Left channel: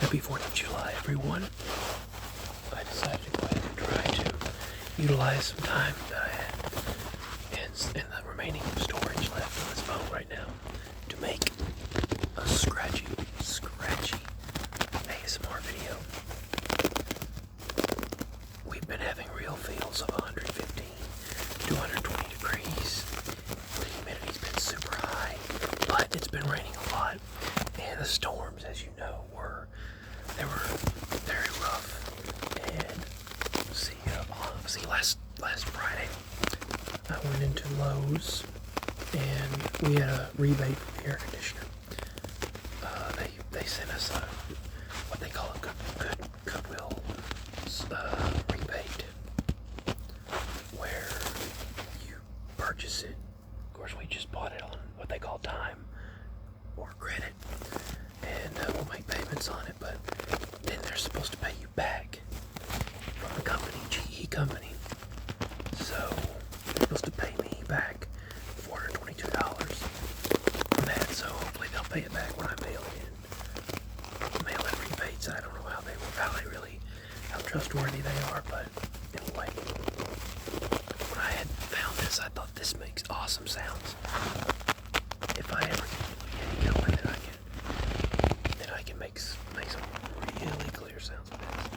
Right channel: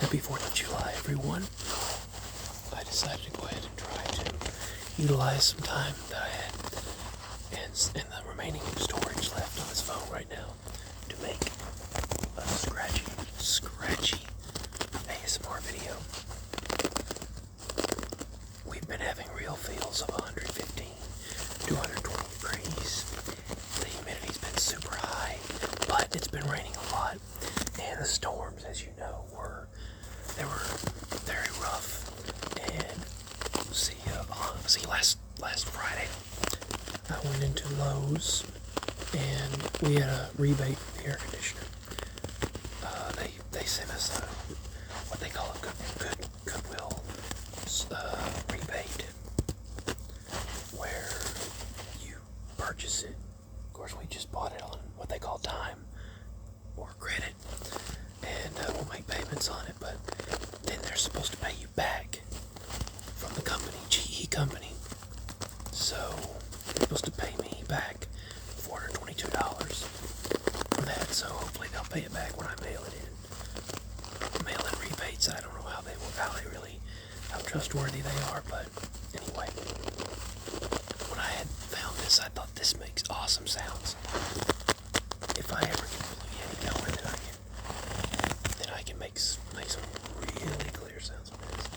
Happy 4th of July, everyone. I decided to go ahead and try to utilize some time that I had and the remaining storage left on this phone right now to make a scratchy ASMR video. We've been having real feels of 115 to 120 degrees. The humidity's been super high, but it's been raining a lot. And the storms, as you know, were very rough. And last Friday, I went into Lowe's and we had a rebate for the air conditioner. They sent us what they call a Goodwill rebate, where you purchase it. Of course, we just bought it on what they call time or credit, and we'll make payments on it, but then they're supposed to pay you back from the company, GE company. So they're supposed to pay me back $422 for that, so hopefully they'll pay it back when I mail it in. Mail-in rebates, I don't know how trustworthy they are, but anyway. When I had found this, I thought this makes awesome sounds. If I ever get Blue Yeti going, then I can make some really clear sounds with this.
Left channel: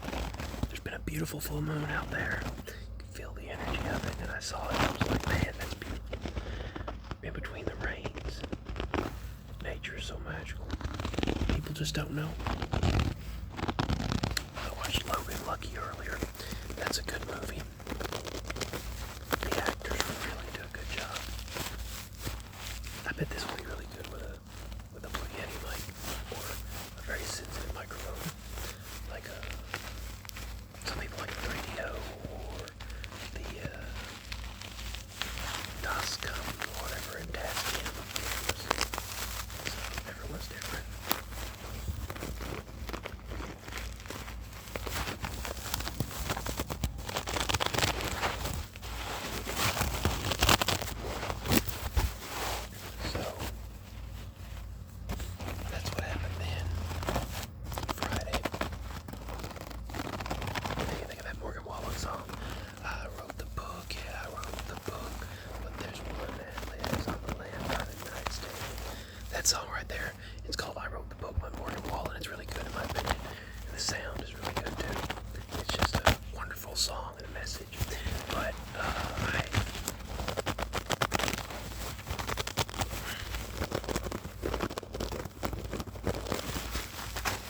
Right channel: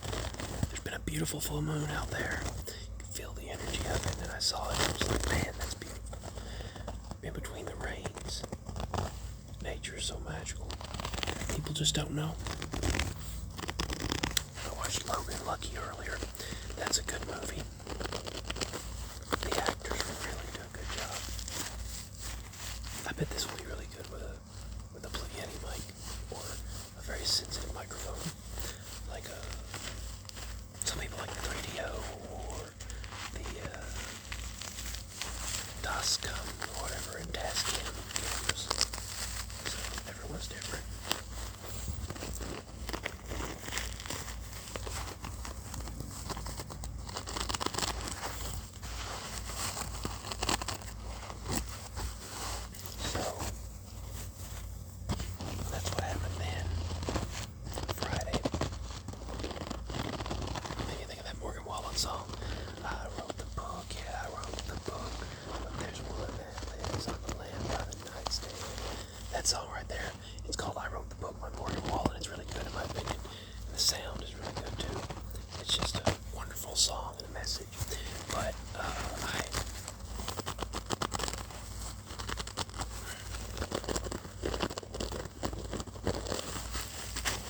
There's been a beautiful full moon out there. You can feel the energy of it, and I saw it, and I was like, man, that's beautiful. In between the rains, nature is so magical. People just don't know. I watched Logan Lucky earlier. That's a good movie. The actors really do a good job. I bet this will be really good with a Blue Yeti mic or a very sensitive microphone, like some people like the 3DO or the Tascam or whatever, and Tascam. So everyone's different. That's what happened then. Friday. Make you think of that Morgan Wallen song. I wrote the book, yeah, I wrote the book. But there's one that lives on the land by the nightstand. That song right there. It's called I Wrote the Book by Morgan Wallen. It's really good in my opinion. And the sound is really good too. It's just a wonderful song and a message. But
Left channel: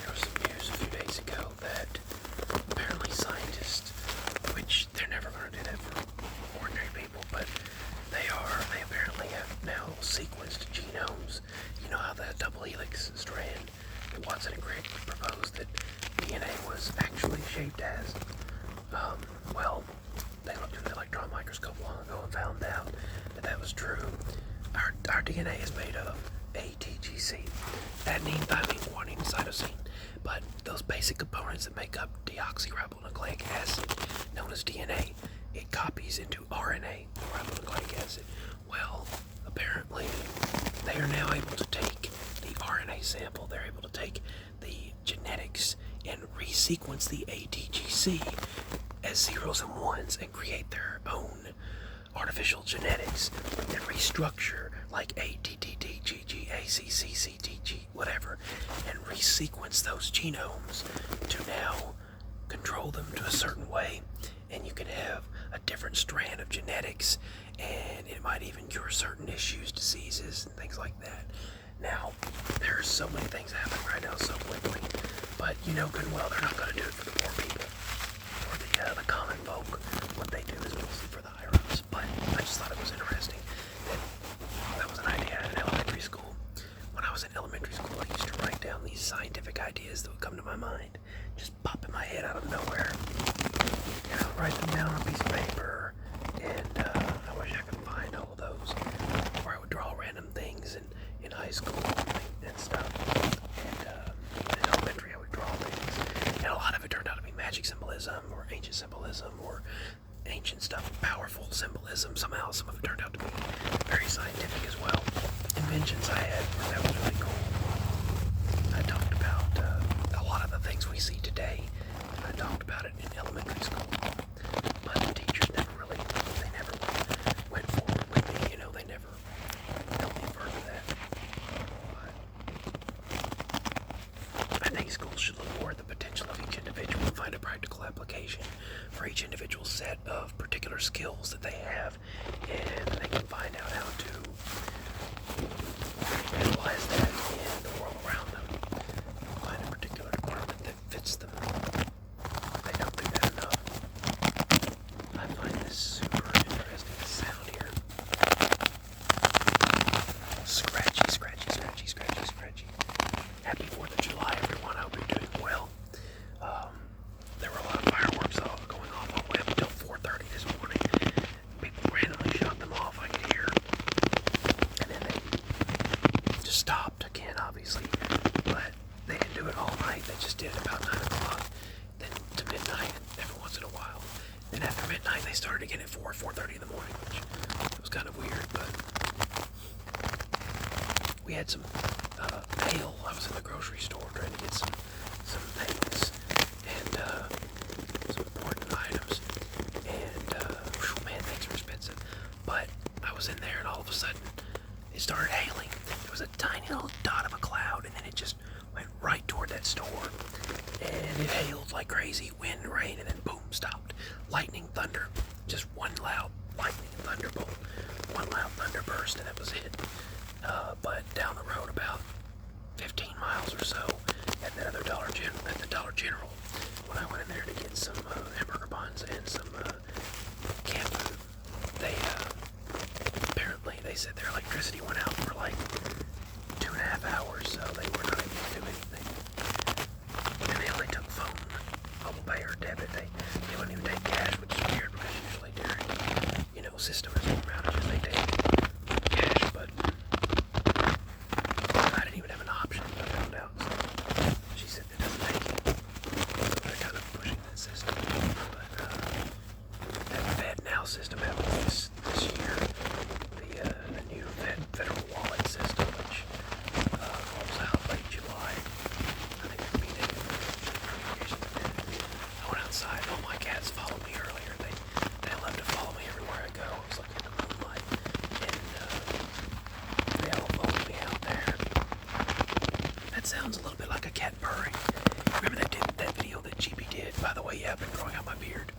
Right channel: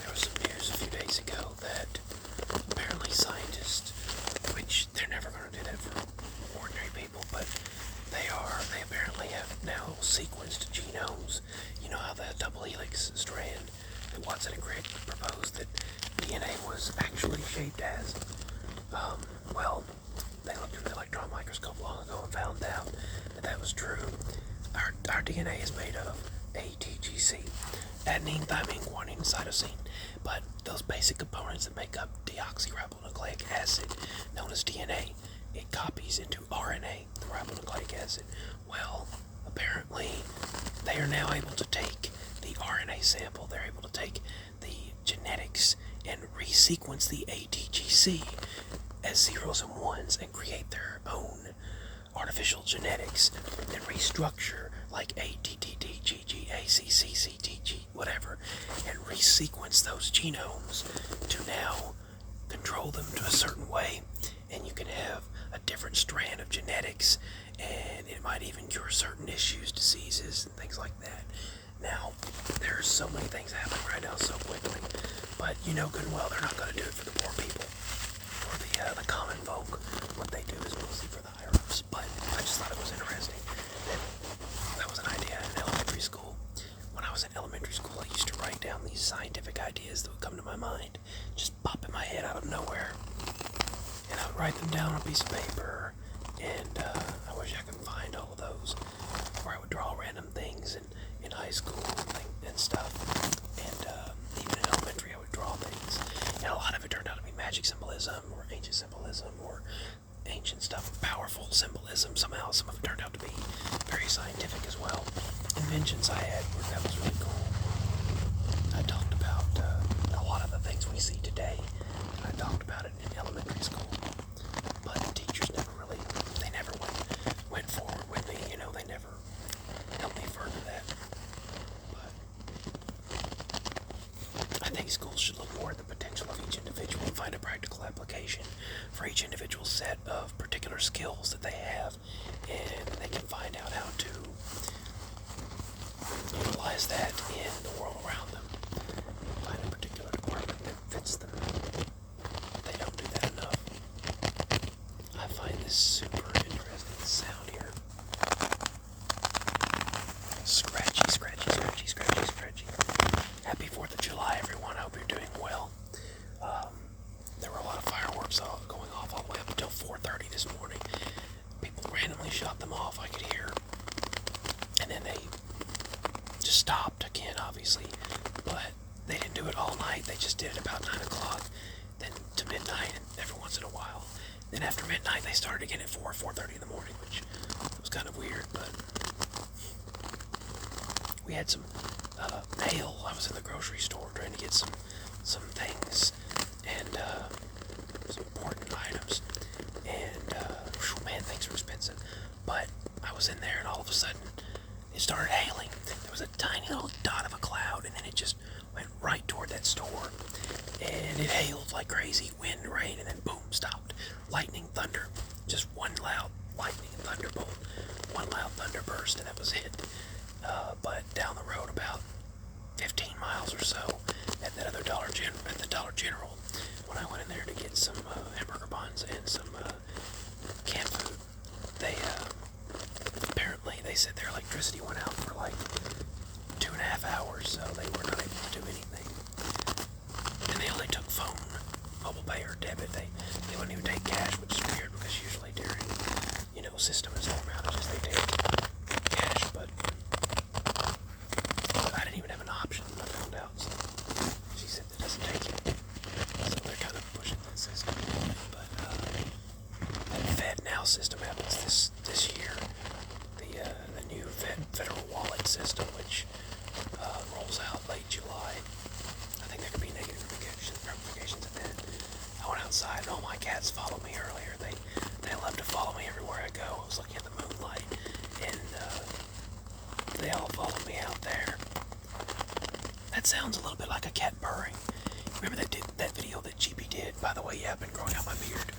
there was some news a few days ago that apparently scientists, which they're never going to do that for ordinary people, but they apparently have now sequenced genomes. You know how the double helix strand that Watson and Crick proposed that DNA was actually shaped as? Well, they looked in the electron microscope long ago and found out that was true. Our DNA is made of ATGC, adenine, thymine, guanine, cytosine. But those basic components that make up deoxyribonucleic acid, known as DNA, it copies into RNA, the ribonucleic acid. Well, apparently, they are now able to take the RNA sample, they're able to take the genetics and resequence the ATGC as zeros and ones and create their own artificial genetics and restructure like ATTTGGACCCTG, whatever, and resequence those genomes to now control them to a certain way, and you can have a different strand of genetics, and it might even cure certain issues, diseases, and things like that. Now, there's so many things happening right now so quickly, but you know good and well they're not going to do it for the poor people, for the common folk. What they do is mostly for the higher-ups, but I just thought it was interesting. That was an idea I had in elementary school. When I was in elementary school, I used to write down these scientific ideas that would come to my mind, just pop in my head out of nowhere, and I would write them down on a piece of paper, and I wish I could find all of those, or I would draw random things in high school and stuff, and even in elementary I would draw things, and a lot of it turned out to be magic symbolism, or ancient symbolism, or ancient stuff, powerful symbolism. Somehow some of it turned out to be very scientific as well. Inventions I had, that was really cool. I talked about a lot of the these schools should look more at the potential of each individual and find a practical application for each individual set of particular skills that they have, and they can find out how to utilize that in the world around them. Find a particular department that fits them. They don't do that enough. I find this super interesting. The sound here. Scratchy, scratchy, scratchy, scratchy, scratchy. Happy 4th of July, everyone. I hope you're doing well. There were a lot of fireworks going off all the way up until 4:30 this morning. People randomly shot them off, I could hear. And then they just stopped again, obviously. But they didn't do it all night. They just did it about 9 o'clock, then to midnight, and every once in a while. Then after midnight, they started again at 4:30 in the morning, which was kind of weird, but we had some mail. I was in the grocery store trying to get some things and some important items, and man, things are expensive. But I was in there, and all of a sudden, it started hailing. There was a tiny little dot of a cloud, and then it just went right toward that store, and it hailed like crazy, wind, rain, and then boom, stopped. Lightning, thunder, just one loud lightning and thunderbolt, one loud thunderburst, and that was it. But down the road about 15 miles or so, at that other Dollar General, when I went in there to get some hamburger buns and some canned food, they apparently they said their electricity went out for like 2.5 hours, so they were not able to do anything. And they only took phone, mobile pay, or debit. They wouldn't even take cash, which is weird because usually during system and storm outages they take cash, but I didn't even have an option. I found out. So she said it doesn't take it, so they're kind of pushing that system. But that Fed Now system happens this year. The new federal wallet system, which rolls out late July. I think there could be negative ramifications of it. I went outside. Oh, my cats followed me earlier. They love to follow me everywhere I go. I was like in the moonlight, and they all followed me out there. That sounds a little bit like a cat purring. Remember that video that GB did? By the way, yeah, I've been growing out my beard.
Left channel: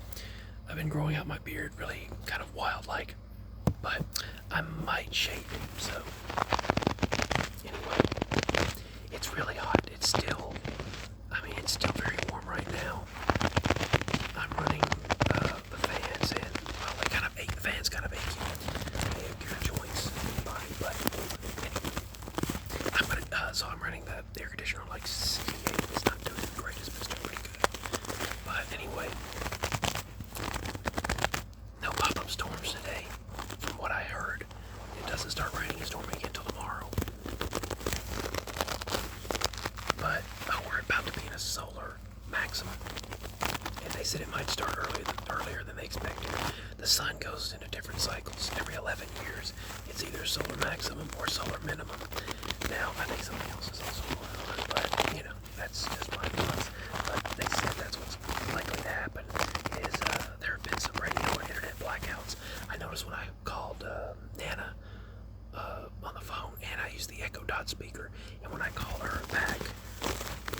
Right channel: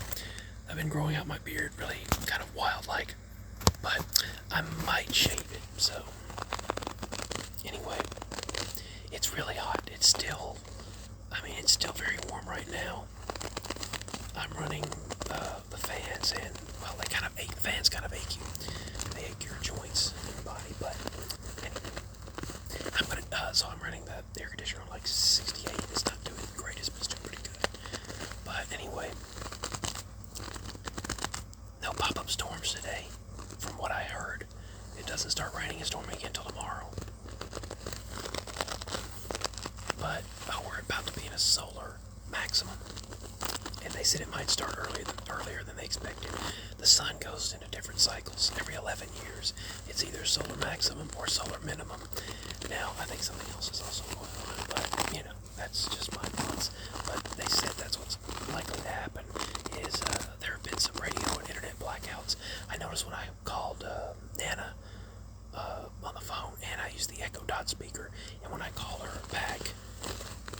I've been growing out my beard really kind of wild-like, but I might shave it, so anyway, it's really hot. It's still very warm right now. I'm running the fans, and well, the fans kind of ache you. They ache your joints in your body, but I'm running the air conditioner on like 68. It's not doing the greatest, but it's still pretty good. But anyway, no pop-up storms today, from what I heard. It doesn't start raining and storming again until tomorrow. But we're about to be in a solar maximum, and they said it might start earlier than they expected. The sun goes into different cycles. Every 11 years, it's either solar maximum or solar minimum. Now, I think something else is also going on, but that's just my thoughts. But they said that's what's likely to happen. Is there have been some radio and internet blackouts. I noticed when I called Nana on the phone, and I used the Echo Dot speaker, and when I called her back,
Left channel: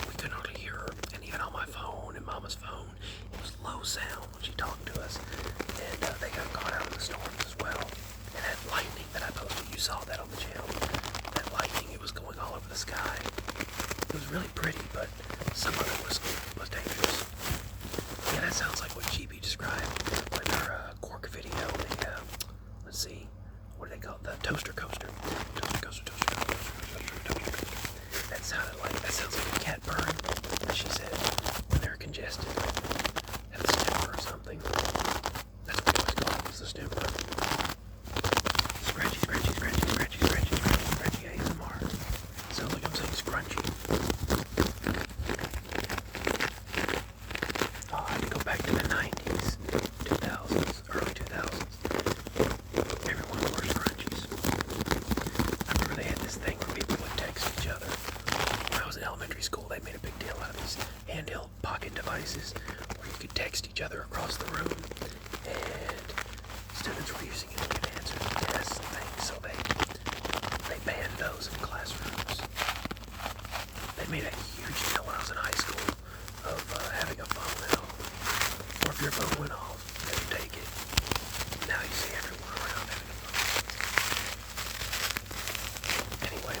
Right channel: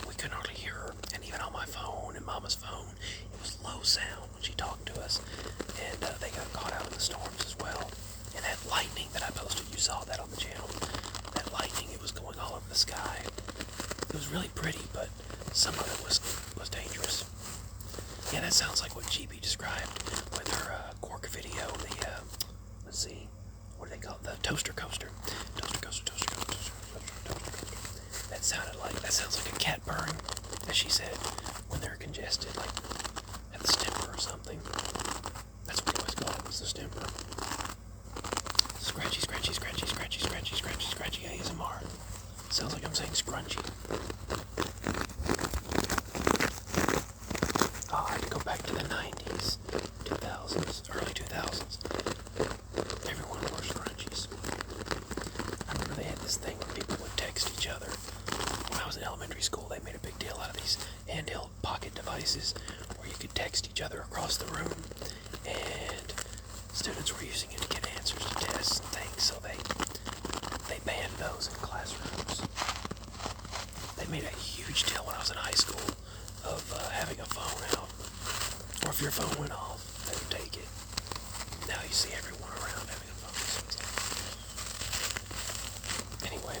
we couldn't hardly hear her. And even on my phone and Mama's phone, it was low sound when she talked to us. And they got caught out in the storms as well. And that lightning that I posted, you saw that on the channel. That lightning, it was going all over the sky. It was really pretty, but some of it was dangerous. Yeah, that sounds like what GB described with her Quark video. Let's see, what do they call it? The toaster coaster. Toaster coaster. That sounds like a cat purring, as she said, when they're congested, like at a stemper or something. That's what we always call it, it's a stemper. Scratchy, scratchy, scratchy, scratchy, scratchy, scratchy, scratchy ASMR. Sounds like I'm saying scrunchy. Oh, I have to go back to the 90s, 2000s, early 2000s. Everyone wore scrunchies. I remember they had this thing where people would text each other. When I was in elementary school, they made a big deal out of these handheld pocket devices where you could text each other across the room, and students were using it to get answers to tests and things, so they banned those in classrooms. They made a huge deal when I was in high school of having a phone out. Or if your phone went off, they would take it. Now you see everyone around having a phone. Anyway,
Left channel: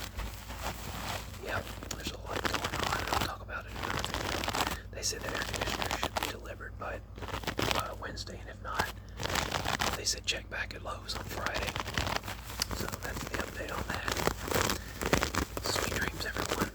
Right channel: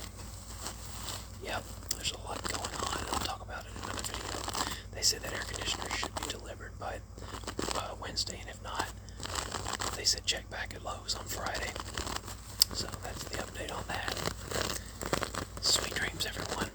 yep, there's a lot going on, and I'll talk about it in another video. They said that air conditioner should be delivered by Wednesday, and if not, they said check back at Lowe's on Friday. So that's the update on that. Sweet dreams, everyone.